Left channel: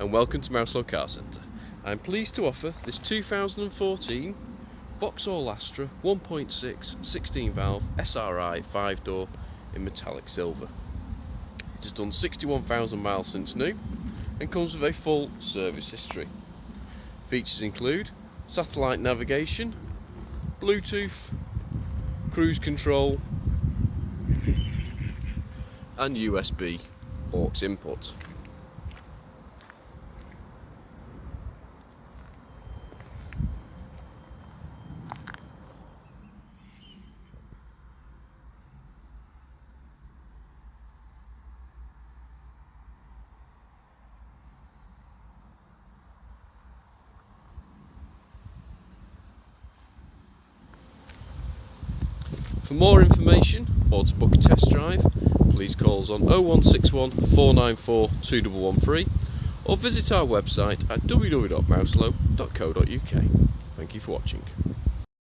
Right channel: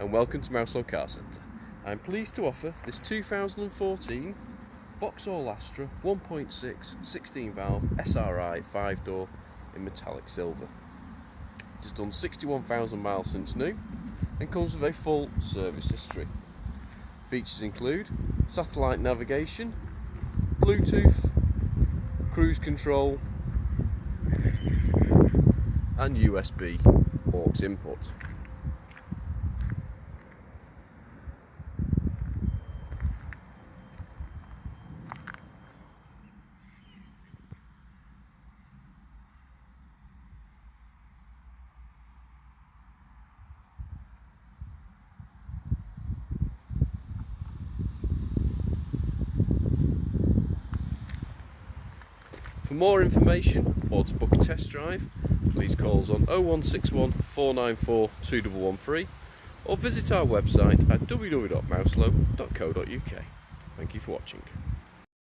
and welcome to Mouselow Car Centre. I'm pleased to offer this 2014 Vauxhall Astra 1.6 16 valve SRI 5-door in metallic silver. It has done 61,000 miles since new and comes with a full service history. Features include satellite navigation, Bluetooth, cruise control and USB aux input. For more information or to book a test drive, please call us on 0161 494 2113 or visit our website at www.mouselow.co.uk. Thank you for watching.